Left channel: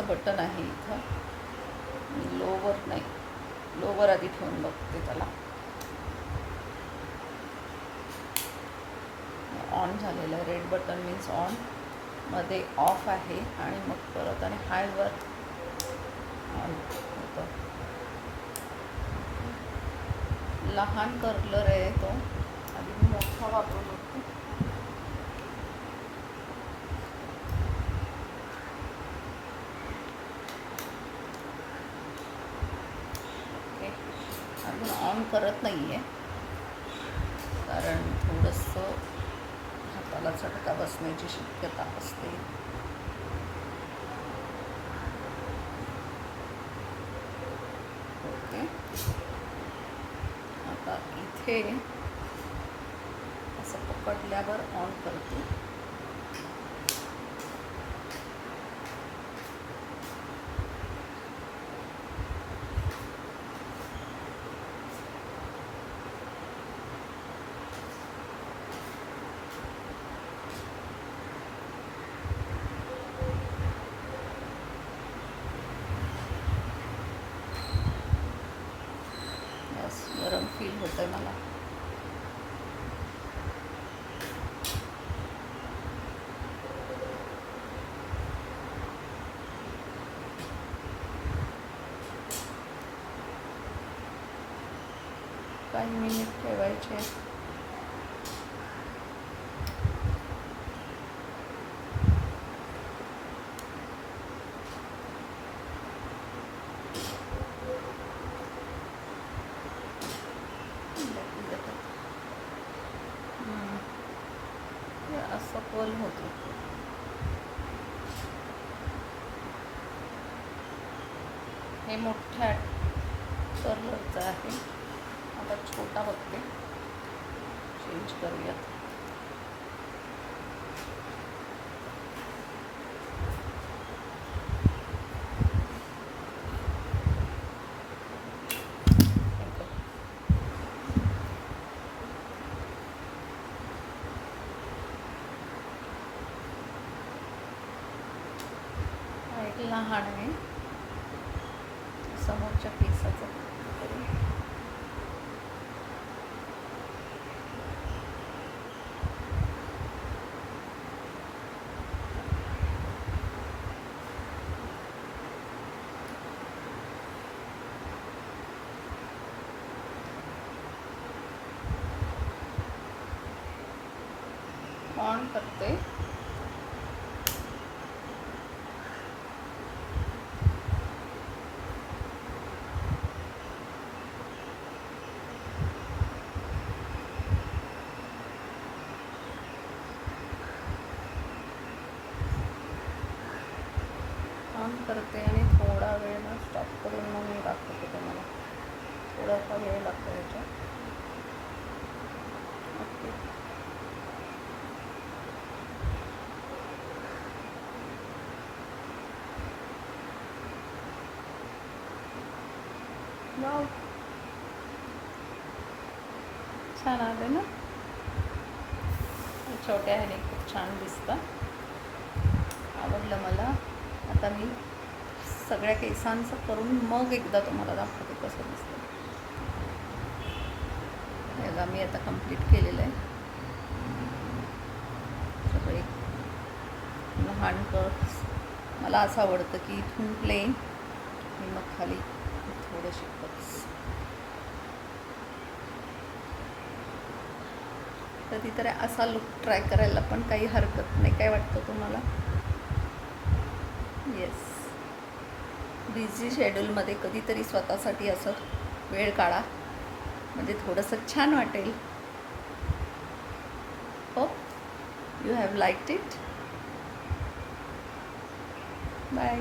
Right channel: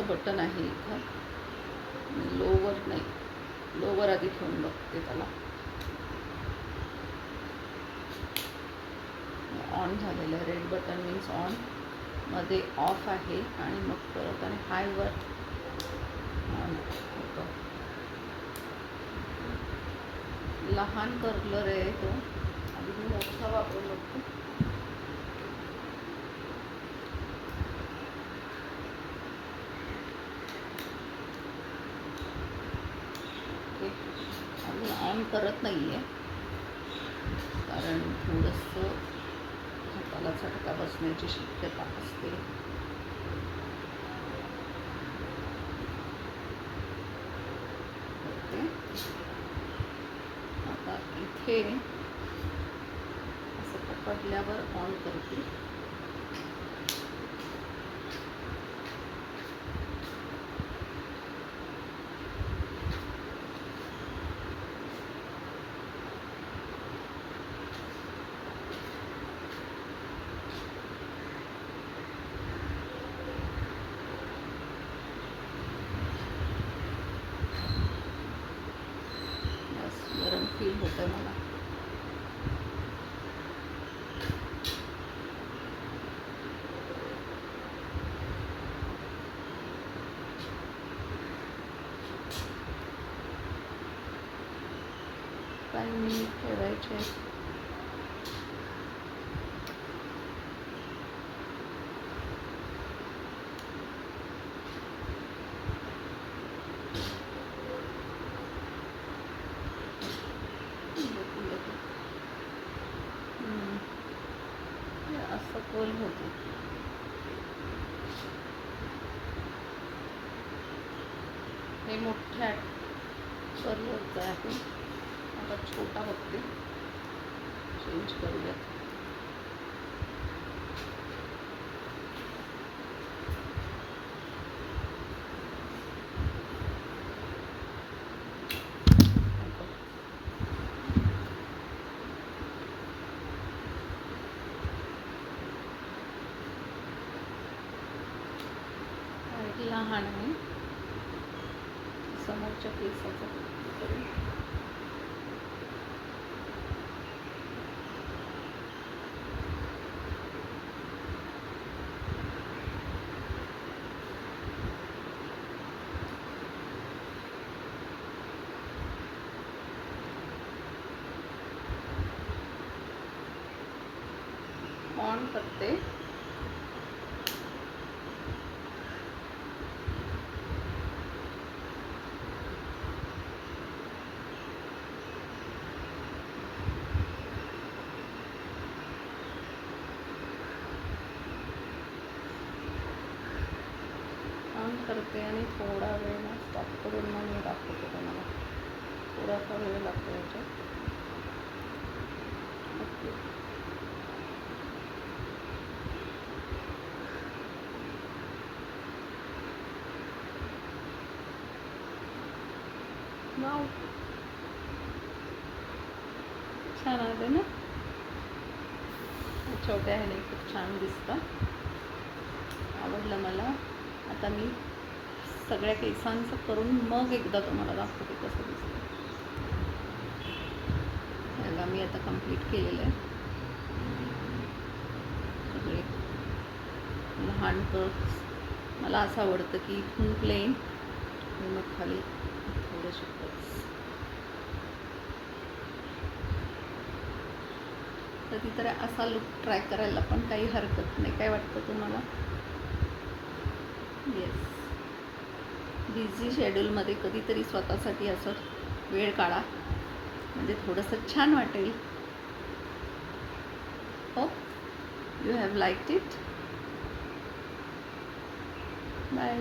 असं बटन आहे इथं. लोवर नाही. लोवर आधी ठेवून बघते त्याला. ऑन झालेलं रेड बटन मीन्स ऑनमध्ये ऑफ आहे आणि मग परत आणि हायवर ऑन होतं. लहान कर्लर आहे तो. आधी मी मोठा वापरून बघते ओके काम करत नाही आहे कारण थोडंसं हाताला झटका बसण्याची शक्यता असते. ओके. आता इथे असं पकडल्यावर ऑन करते यस गरम फील होतं आहे मला. काही मिनिट ठेवायचे. सखोल होती. होतं हे मोठ्या कलरचं आहे. आता छोटा बघते. चेंज करूयात. लहान आहे. समोरच्या केसाचा करू ऑन करते. काम करते आणि थोडा वेळ ना स्टॉप करून मग मी दाखवते तुम्हाला. थोडासा वेळ लागतो याचा. ओके. छान आले ना? छोट्या ह्याने खूप छान दिसतं. आवडलं मला. आता मी सगळ्या केसांचं करून मग एकदा तुम्हाला दाखवते कसं दिसतं याला मी आता कंप्लीट केलेलं आहे. सगळे लहान कर्स मला असं आवडतं की इथून प्लेन आणि मग खाली थोडेसे कर्स कधीतरी असा लुक ट्राय करायला पण काही हरकत नाही. काय वाटतं तुम्हाला? येस बिझी शेड्यूलमध्ये कधीतरी स्वतःसाठी असं वेळ काढा. म्हणजे थोडंसं छान वाटेल. हो? You have like it bye